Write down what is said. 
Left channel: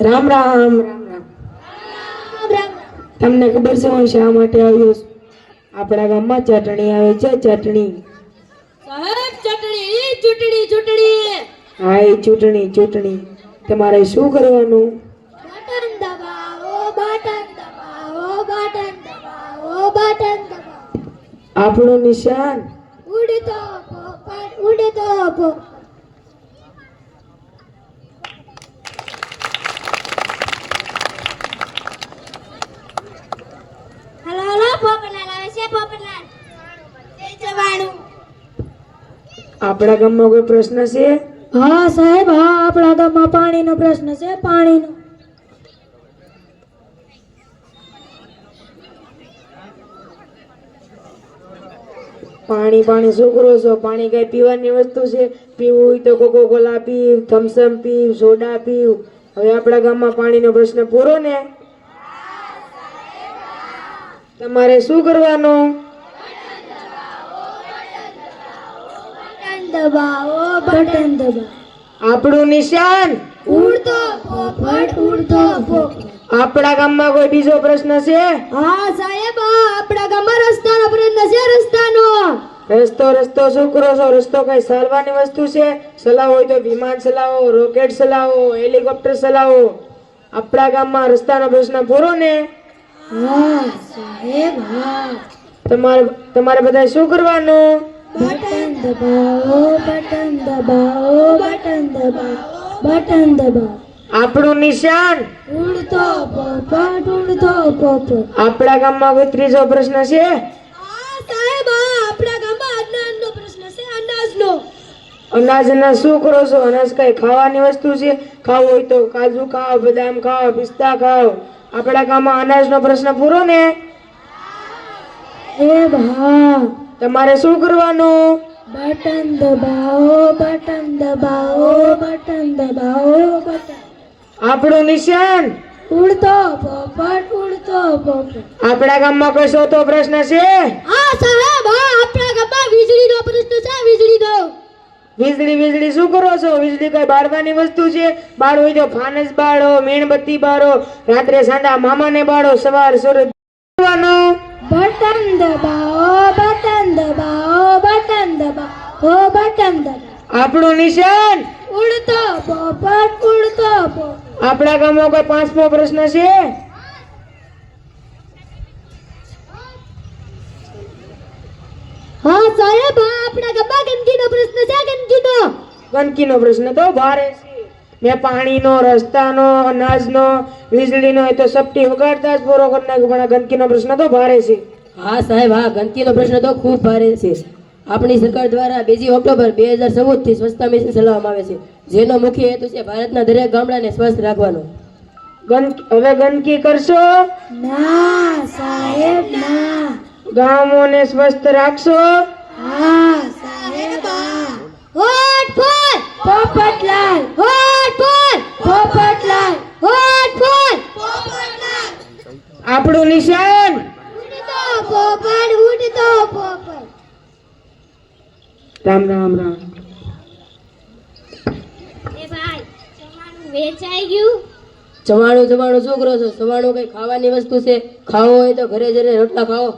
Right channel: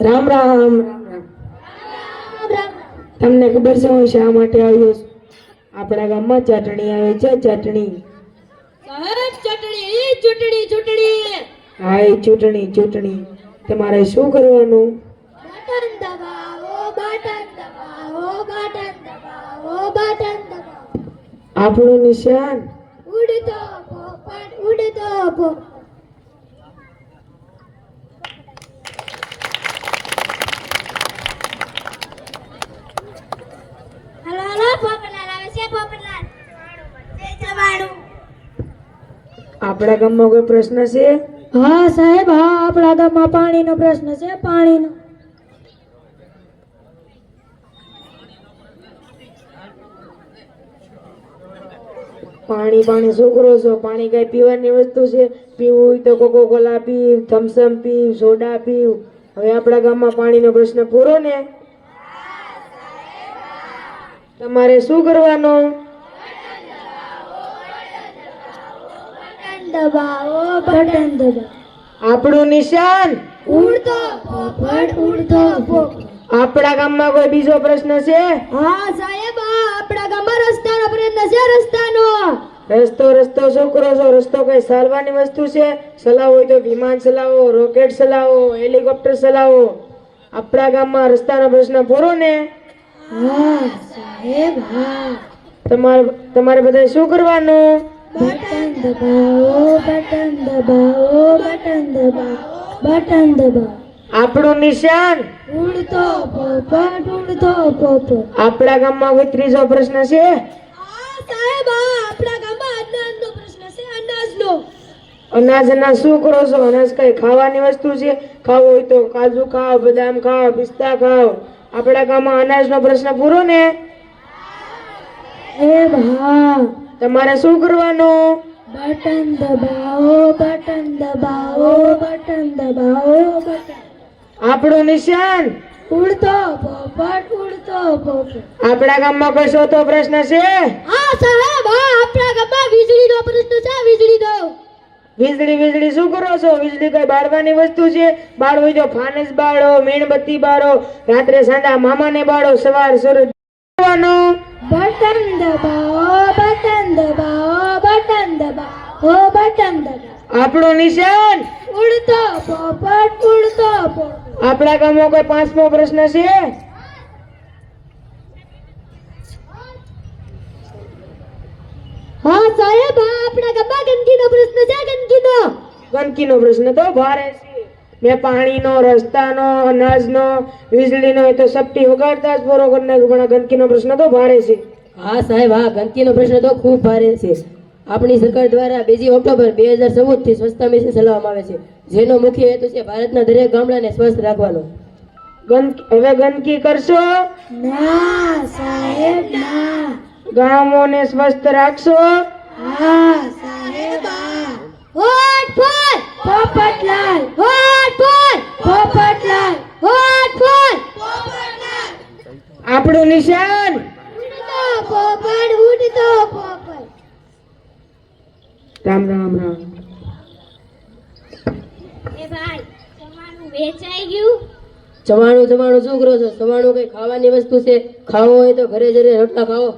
રામ રામ. તમને ખબર છે હું શા માટે આવ્યો છું? આપણા ગામમાં ચટણી આવે છે, ચટણી. સાહેબ ચટણી ચૂંટણી ચૂંટણી. હા, એ ચૂંટણી ચૂંટણી. તમારે શું કરવાનું? બટન દબાવો, બટન દબાવો, બટન દબાવો, બટન દબાવો. આપણું નિશાન ઉડતો પોપટ, ઉડતો પોપટ. હલો પોપટલાલ આવે છે, પોપટલાલ. જવાનું. આપણા ગામમાં કોઈ પ્રશ્ન છે? હા સાહેબ, હા, આપણા ગામમાં પાણીનો પ્રશ્ન છે, પાણીનો. પાણી પાણી શું કરો છો? પાણી કઈ પીવાની વસ્તુ છે? પીવું હોય તો કોકો કોલા પીવ, થમ્સઅપ પીવ, સોડા પીવ. હવે આપણા ગામમાં પાણીનો પ્રશ્ન પૂરો ને? તમારે શું કરવાનું? દબાવો, બટન દબાવો. આપણું નિશાન ઉડતો પોપટ, ઉડતો પોપટ. આપણા ગામમાં કોઈ બીજો પ્રશ્ન છે? હા સાહેબ, આપણા ગામમાં રસ્તાનો પ્રશ્ન છે, રસ્તાનો. રસ્તો રસ્તો શું કરો છો? રસ્તો કઈ ચાલવાની વસ્તુ છે? ચલાવો હોય તો વિમાન ચલાવો, રોકેટ ચલાવો, હેલિકોપ્ટર ચલાવો. આપણા ગામમાં રસ્તાનો પ્રશ્ન પૂરો ને? હા સાહેબ, હા. તમારે બધા શું કરવાનું? બટન દબાવો, બટન દબાવો, બટન દબાવો, બટન દબાવો. આપણું નિશાન ઉડતો પોપટ, ઉડતો પોપટ. આપણા ગામમાં કોઈ ત્રીજો પ્રશ્ન છે? હા સાહેબ, આપણા ગામમાં અનાજનો પ્રશ્ન છે, અનાજનો. અનાજ અનાજ શું કરો છો? અનાજ કઈ ખાવાની વસ્તુ છે? ખાવું હોય તો કાજુ ખાઓ, બદામ ખાઓ, પિસ્તા ખાઓ. આપણા ગામમાં અનાજનો પ્રશ્ન પૂરો ને? એ હા. તમારે શું કરવાનું? બટન દબાવો, બટન દબાવો, બટન દબાવો, બટન. આપણું નિશાન ઉડતો પોપટ, ઉડતો પોપટ. આપણા ગામમાં કોઈ ચોથો પ્રશ્ન છે? હા સાહેબ, આપણા ગામમાં વીજળીનો પ્રશ્ન છે, વીજળીનો. વીજળી વીજળી શું કરો છો? વીજળી કઈ બાળવાની વસ્તુ છે? બાળ હોય તો ફાનસ બાળો, મીણબત્તી બાળો, રાત્રે સાંડા મામાને બાળો, સવાર સૂરજ કરવાનું. બટન દબાવો, બટન દબાવો, બટન દબાવો, બટન દબાવો. આપણું નિશાન ઉડતો પોપટ, ઉડતો પોપટ. આપણા ગામમાં કોઈ પાંચમો પ્રશ્ન છે? હા સાહેબ, આપણા ગામમાં ગંદકીનો પ્રશ્ન છે, ગંદકીનો. ગંદકીનો પ્રશ્ન તો ભારે છે. મેં પાણીનો, રસ્તાનો, અનાજનો, વીજળીનો એ તો સપટી વગાડતા જ પૂરો કરી નાખ્યો, પણ આ ગંદકીનો પ્રશ્ન તો ભારે છે. હા સાહેબ, હા, ગંદકીનો પ્રશ્ન તો ખૂબ ભારે છે. આપણી સરકાર દ્વારા 2 ઓક્ટોબર 2014 થી સ્વચ્છતા મિશન ચલાવવામાં આવે છે, જેનો મુખ્ય હેતુ છે ભારતના દરેક ગામડાને સ્વસ્થ રાખવાનો. હવે ગંદકી કરશો? ના સાહેબ, ના. ગામોને સ્વસ્થ રાખશો? હા સાહેબ, હા. Vote for Popatlal, vote for Popatlal, vote for Popatlal. આપણું નિશાન ઉડતો પોપટ, ઉડતો પોપટ. રામ રામ રામ. એ ભાઈ, જમવાનું વેચાઈ ગયું? ચવાણું શું કરો છો? ચવાણું કઈ ખાવાની વસ્તુ છે? ખાવો હોય તો ઘરે જઈને રોટલા ખાઓ.